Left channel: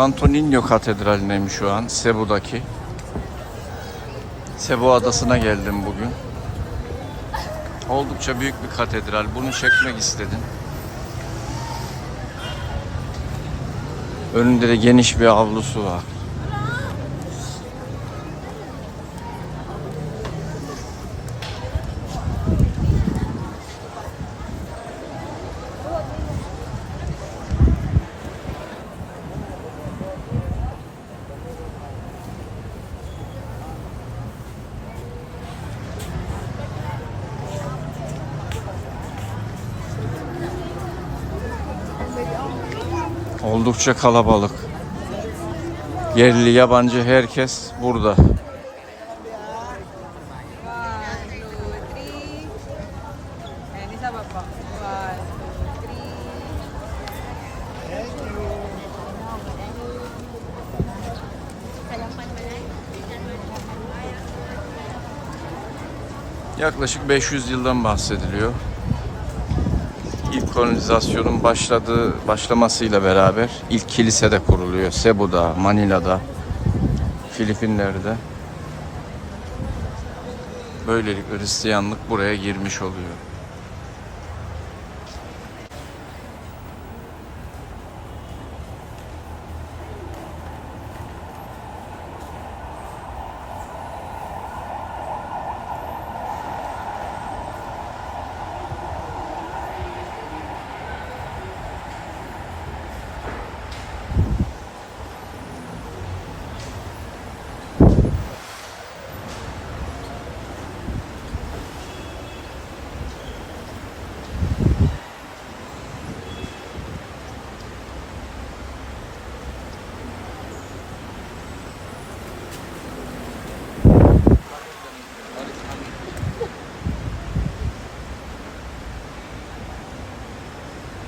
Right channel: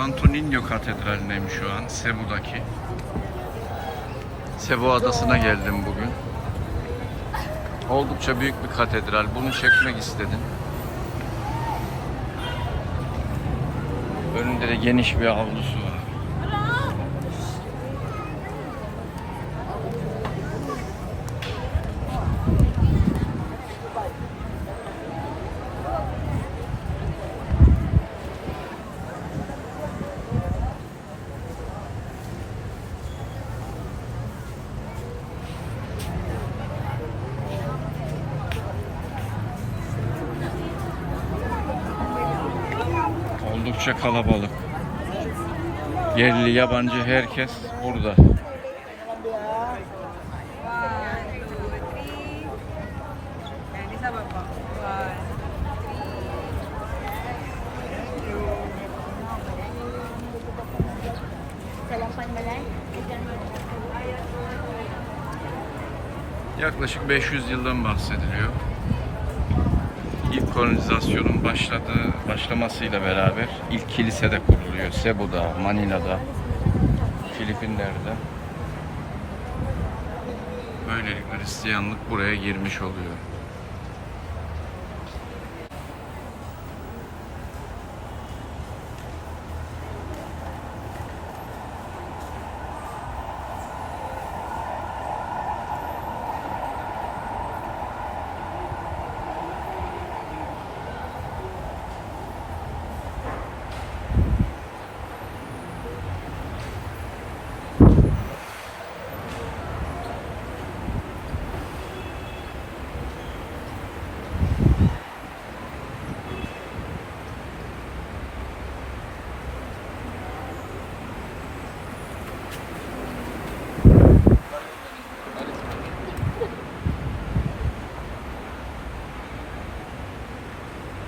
Santo Niño Katedrali'ndeyim şu an. Cebu'daki. Cebu adasına geldim bugün. Oldukça büyük bir katedral. Bunu çekmek istedim. Önünde de geniş bir avlusu var. Oldukça kalabalık. Yerli, yabancı herkes burada. Yaklaşık 500 yıldan bahsediliyor. İlk kolonizasyonun başladığı başlamasıyla beraber ilk kilise de kuruluyor. Cebu'da, Manila'da, Filipinler'de. Böylelikle Hristiyanlık buraya girmiş oluyor.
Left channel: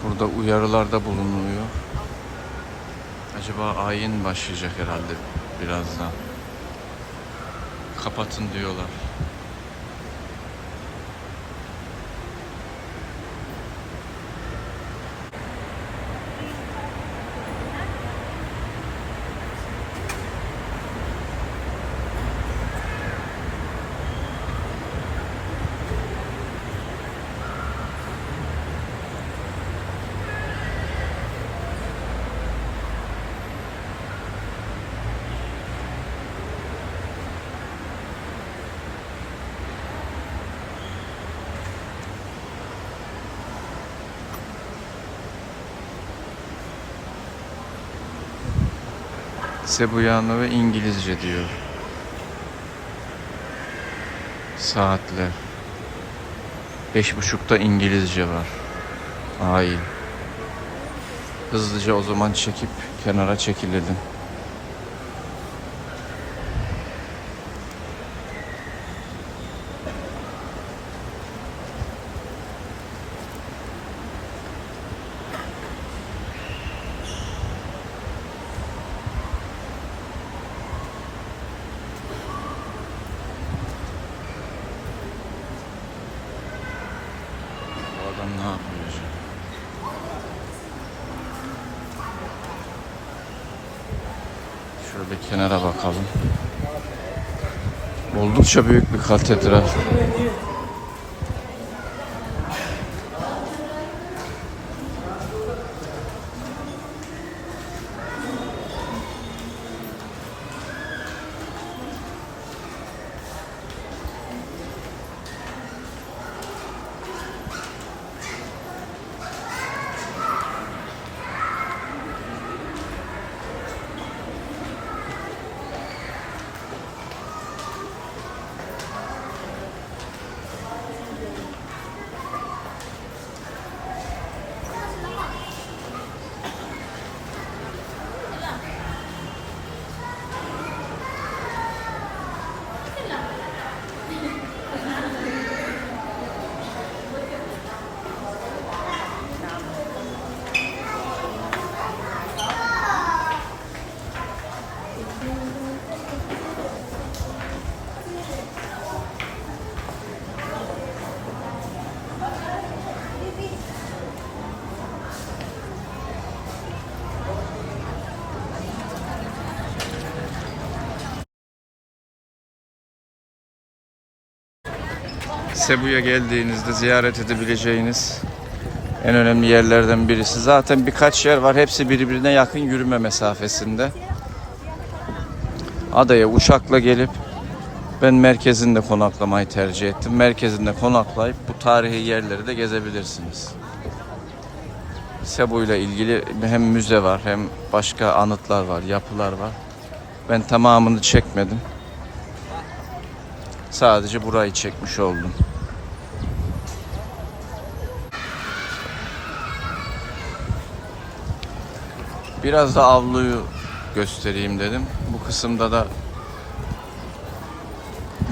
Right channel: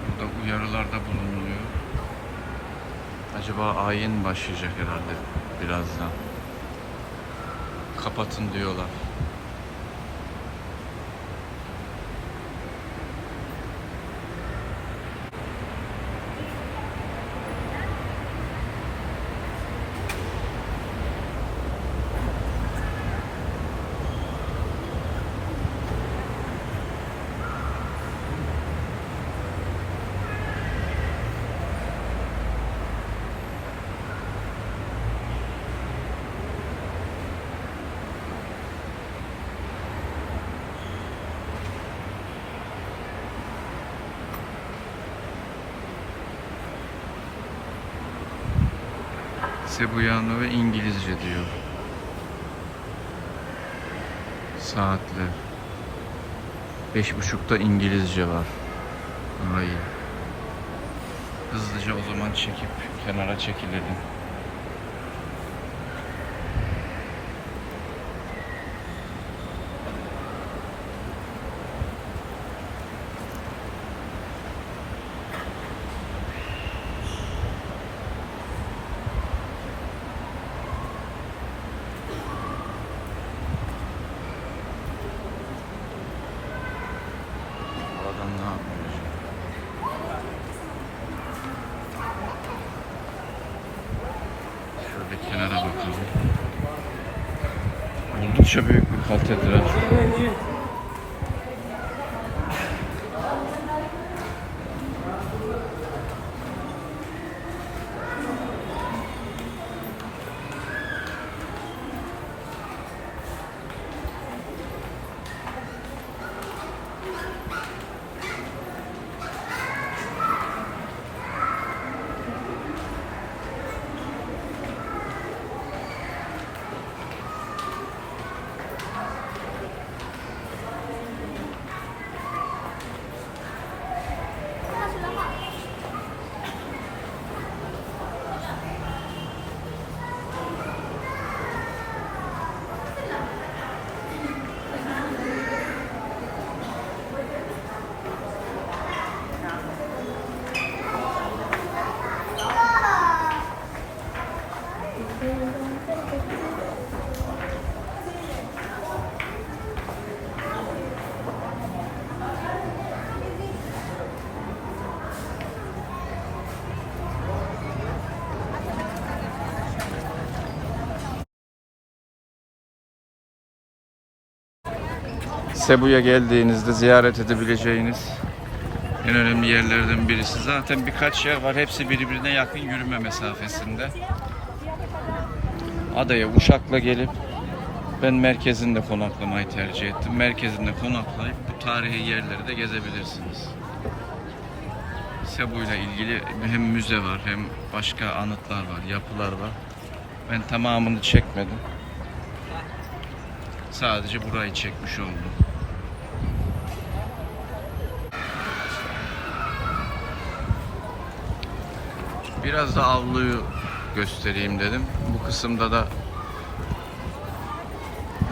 Burada uyarılarda bulunuyor. Acaba ayin başlayacak herhalde birazdan. Kapatın diyorlar. Sebuyano ve İngilizce diyor. Saatler. Beş buçukta İngilizce var. Ay. Hızlıca o zaman çekip kenara çekilirdim. Bu adam ne yapıyor şu an? Şöyle bir kenara bakalım. Oldukça büyük bir katedral. Cebu'ya geldiğinizde ziyaret edebileceğiniz en önemli yerlerden birisi. Zaten birkaç yer var. Hepsi birbirine yakın yürüme mesafesinde. Adaya uçakla gelip ben merkezinde konaklamayı tercih ettim. Merkezinde konaklayıp bu tarihi yerleri de gezebilirsiniz. Cebu ile ilgili hem müze var hem başka anıtlar var, yapılar var. Ben tamamını çekmedim. Sadece burayı çekmiş oldum. Biraz da avluyu göstereyim dedim. Bu kısımda da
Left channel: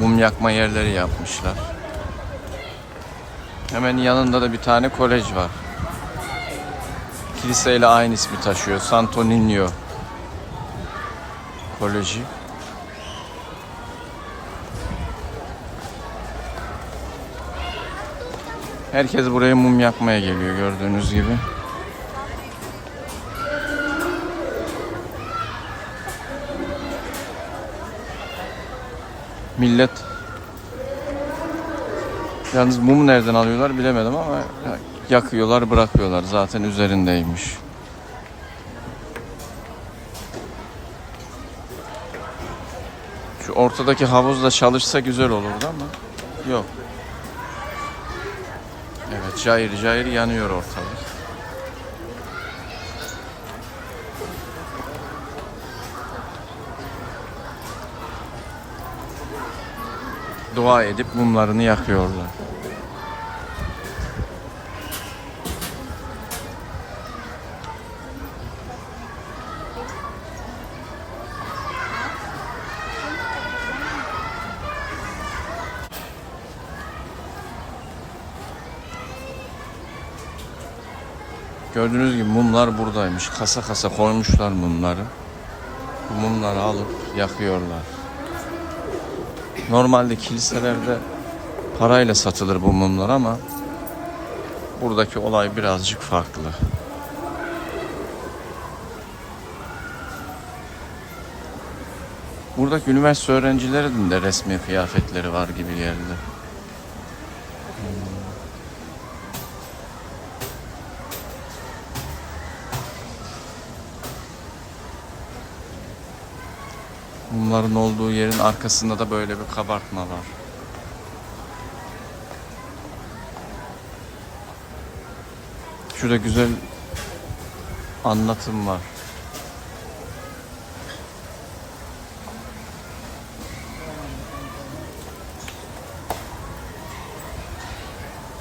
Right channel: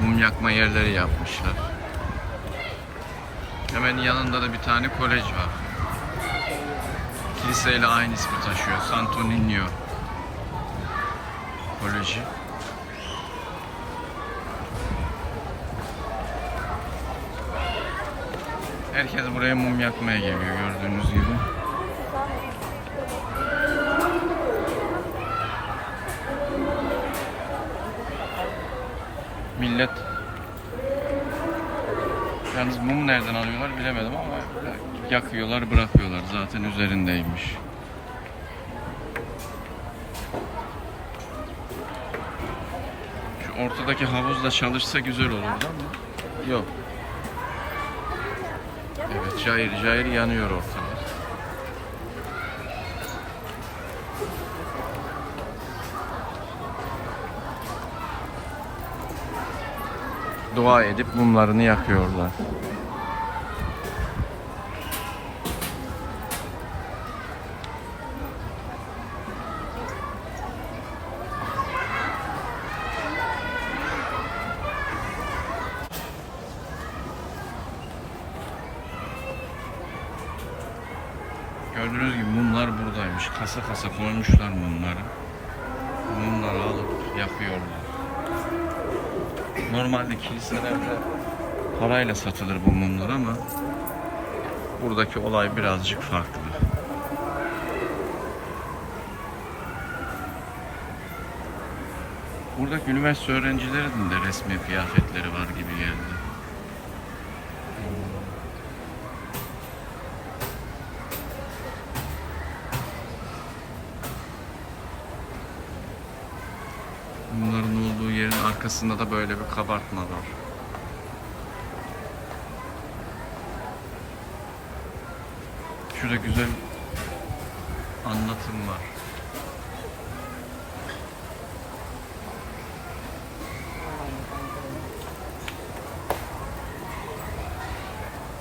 mum yakma yerleri yapmışlar. Hemen yanında da bir tane kolej var. Kiliseyle aynı ismi taşıyor. Santo Niño Koleji. Herkes buraya mum yakmaya geliyor gördüğünüz gibi. Millet Yalnız mumu nereden alıyorlar bilemedim ama yakıyorlar bırakıyorlar zaten üzerindeymiş. Şu ortadaki havuzla çalışsa güzel olurdu ama yok. Evet cayır cayır yanıyor ortalık. Dua edip mumlarını yakıyorlar. Gördüğünüz gibi mumlar buradaymış. Kasa kasa koymuşlar mumları. Mumları alıp yakıyorlar. Normalde kiliselerde parayla satılır bu mumlar ama buradaki olay birazcık farklı. Buradaki üniversite öğrencilerinin de resmi kıyafetleri var gibi geldi. Bunların olduğu yerin arkasında da böyle bir kabartma var. Şurada güzel anlatım var.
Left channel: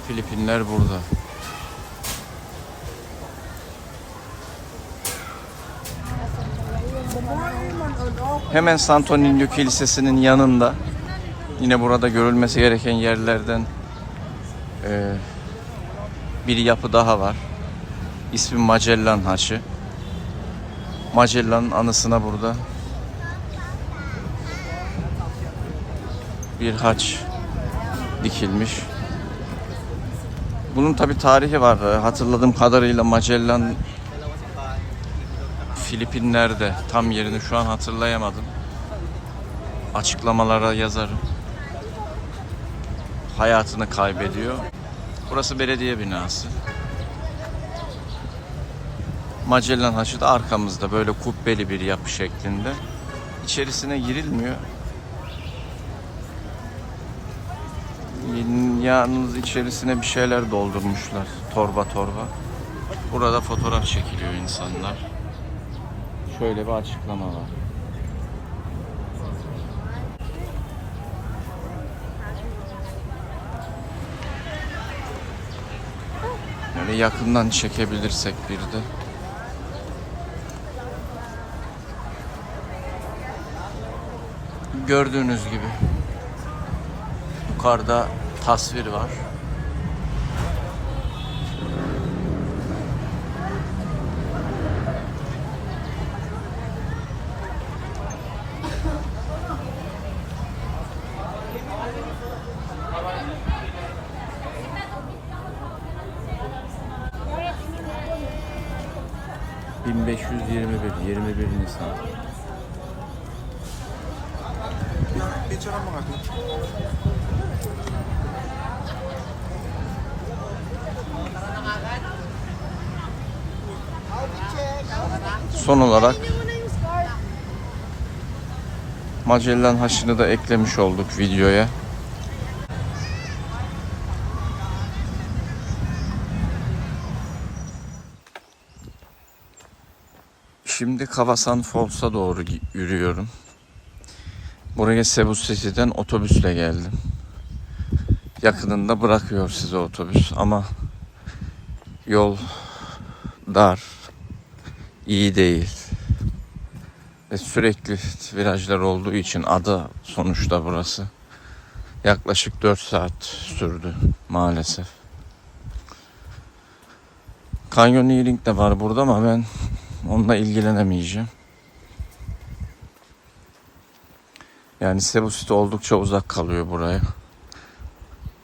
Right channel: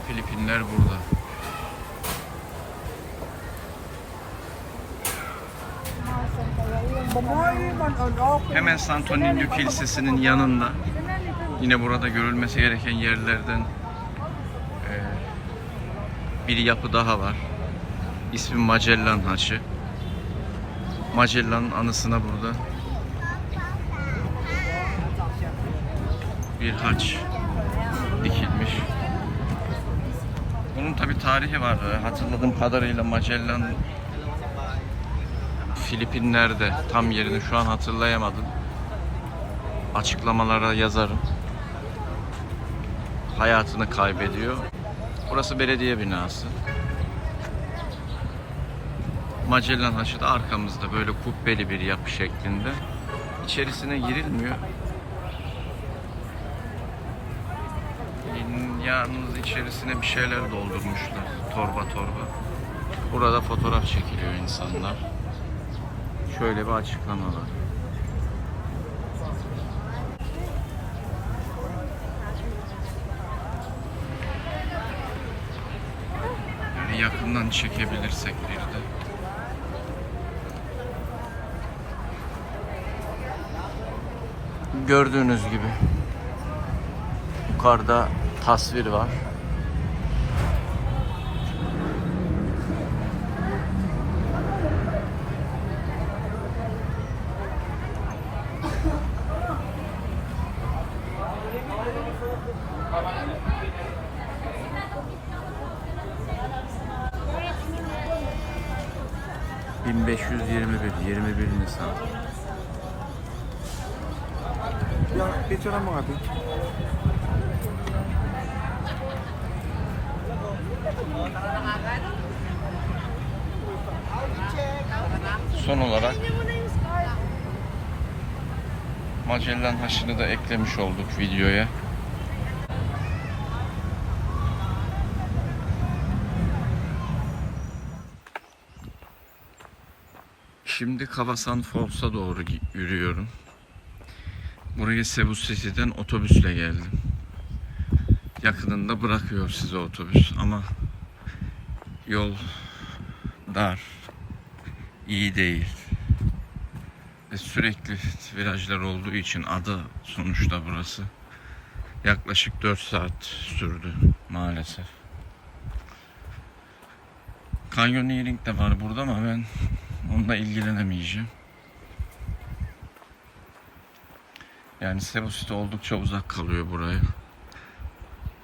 Filipinler burada. Hemen Santo Niño Kilisesi'nin yanında yine burada görülmesi gereken yerlerden e, bir yapı daha var. İsmi Magellan Haçı. Magellan'ın anısına burada bir haç dikilmiş. Bunun tabi tarihi var. Hatırladığım kadarıyla Magellan Filipinler'de tam yerini şu an hatırlayamadım. Açıklamalara yazarım. Hayatını kaybediyor. Burası belediye binası. Magellan Haçı da arkamızda böyle kubbeli bir yapı şeklinde. İçerisine girilmiyor. Yalnız içerisine bir şeyler doldurmuşlar. Torba torba. Burada fotoğraf çekiliyor insanlar. Şöyle bir açıklama var. Yani yakından çekebilirsek bir de. Gördüğünüz gibi yukarıda tasvir var. 1521 21 Nisan. Son olarak Magellan haşını da eklemiş olduk videoya. Şimdi Kavasan Falls'a doğru yürüyorum. Buraya Cebu City'den otobüsle geldim. Yakınında bırakıyor size otobüs ama yol dar, iyi değil. Ve sürekli virajlar olduğu için ada sonuçta burası. Yaklaşık 4 saat sürdü maalesef. Canyoneering de var burada ama ben onunla ilgilenemeyeceğim. Yani Cebu City oldukça uzak kalıyor buraya.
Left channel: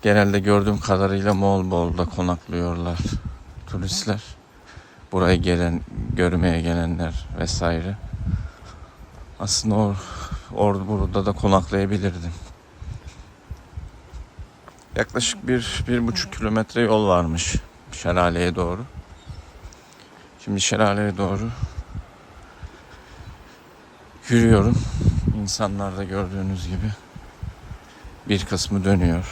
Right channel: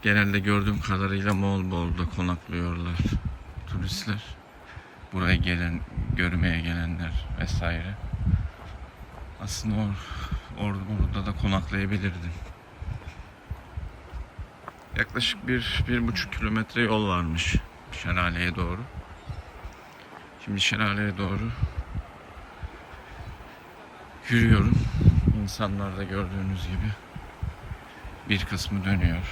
Genelde gördüğüm kadarıyla Moğolbol'da konaklıyorlar turistler. Buraya gelen, görmeye gelenler vesaire. Aslında or, or burada da konaklayabilirdim. Yaklaşık bir, bir buçuk kilometre yol varmış şelaleye doğru. Şimdi şelaleye doğru yürüyorum. İnsanlar da gördüğünüz gibi bir kısmı dönüyor.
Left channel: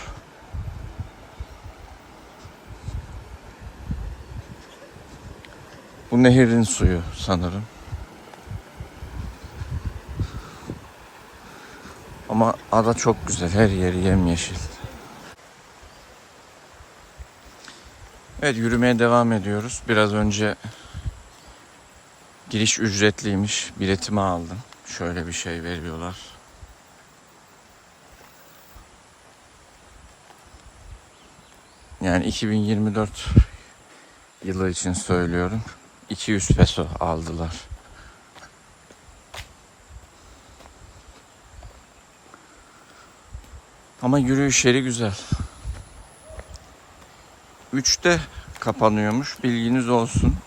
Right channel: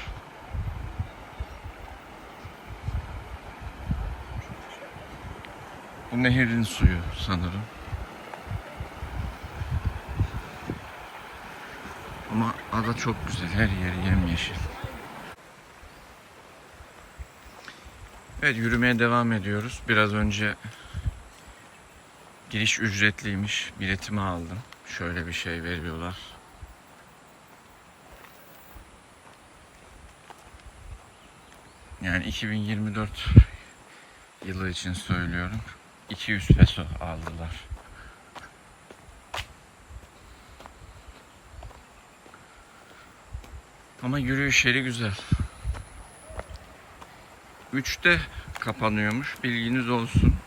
Bu nehirin suyu sanırım. Ama ada çok güzel. Her yeri yemyeşil. Evet yürümeye devam ediyoruz. Biraz önce giriş ücretliymiş. Biletimi aldım. Şöyle bir şey veriyorlar. Yani 2024 yılı için söylüyorum. 200 peso aldılar. Ama yürüyüş yeri güzel. 3'te kapanıyormuş. Bilginiz olsun.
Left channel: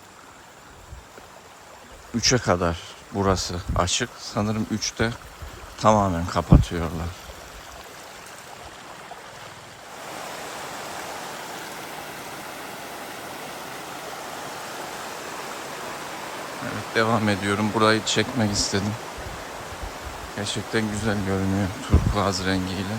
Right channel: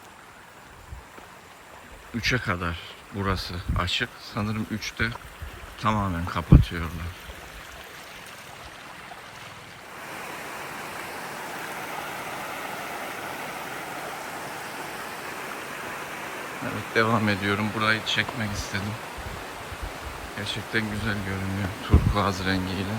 3'e kadar burası açık. Sanırım 3'te tamamen kapatıyorlar. Evet devam ediyorum. Burayı çekmek istedim. Gerçekten güzel görünüyor turkuaz rengiyle.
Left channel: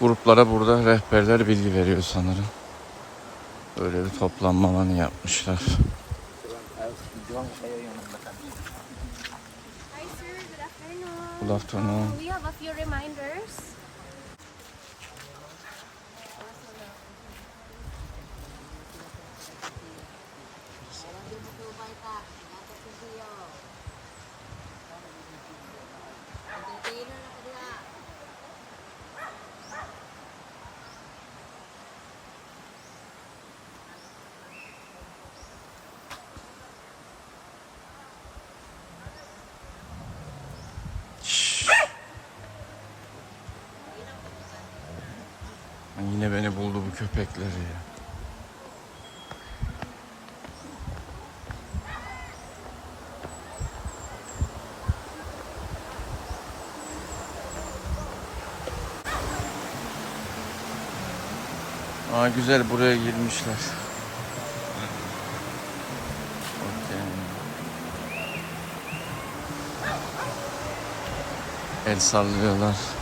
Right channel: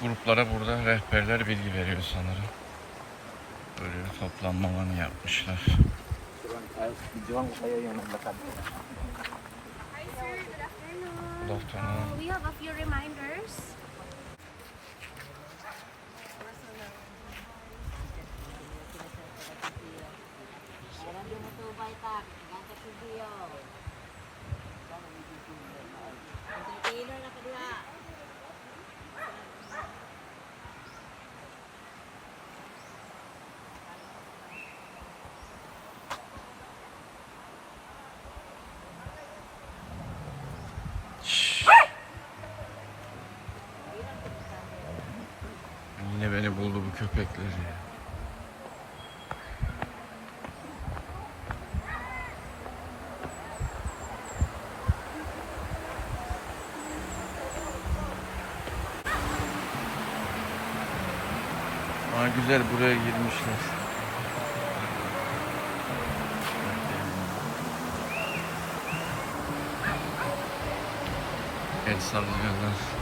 Gruplara burada rehberler bilgi veriyor sanırım. Böyle bir toplanma alanı yapmışlar. Good afternoon. We have a few reminders. Yine beni buldu bu köpekler ya. Aa güzel buraya girmişler. El sallıyorlar.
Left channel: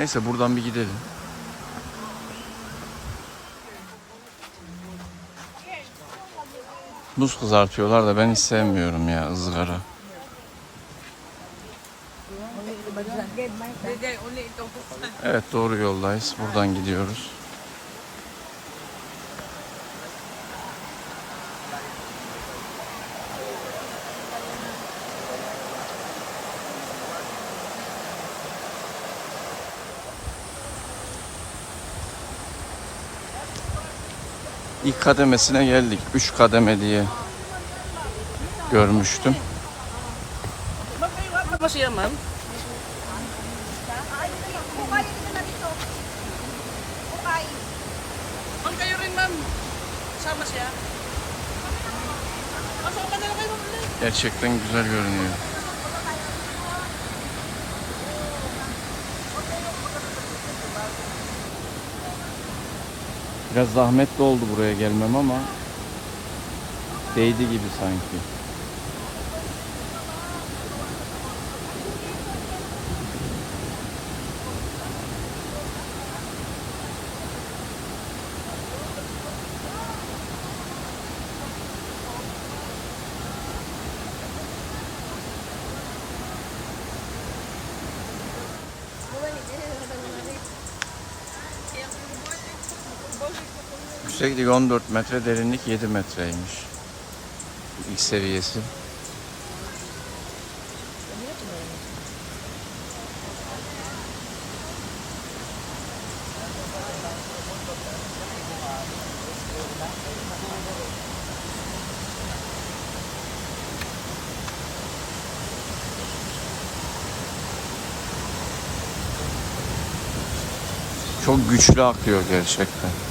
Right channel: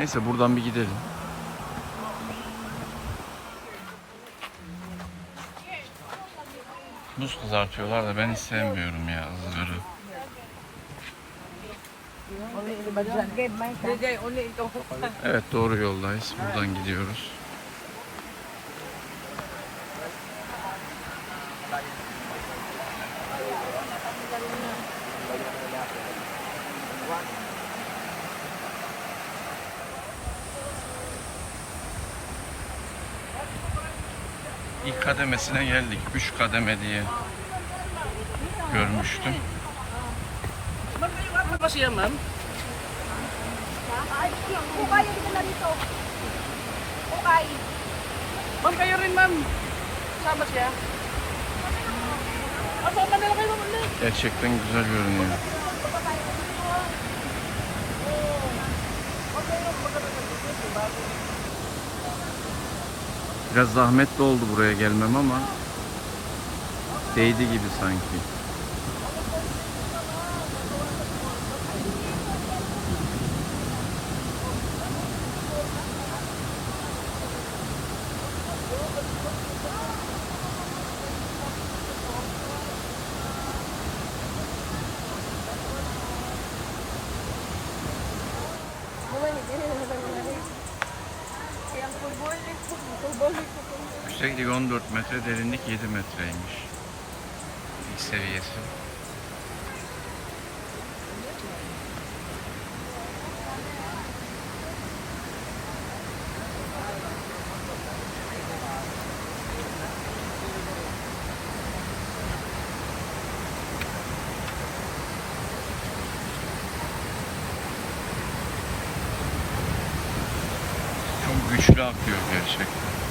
Neyse buradan bir gidelim. Buz kızartıyorlar da ben hiç sevmiyorum ya ızgara. Evet doğru yoldayız. Buradan gidiyoruz. İlk kademesine geldik. Üç kademe diye görmüştüm. Ano siya, ma'am? Biraz zahmetli oldu buraya gelmem ama değdi gibi sanki. Yükseklik 14 metre, derinlik 7 metreymiş. İlk seviyesi. Çok güçlü akıyor gerçekten.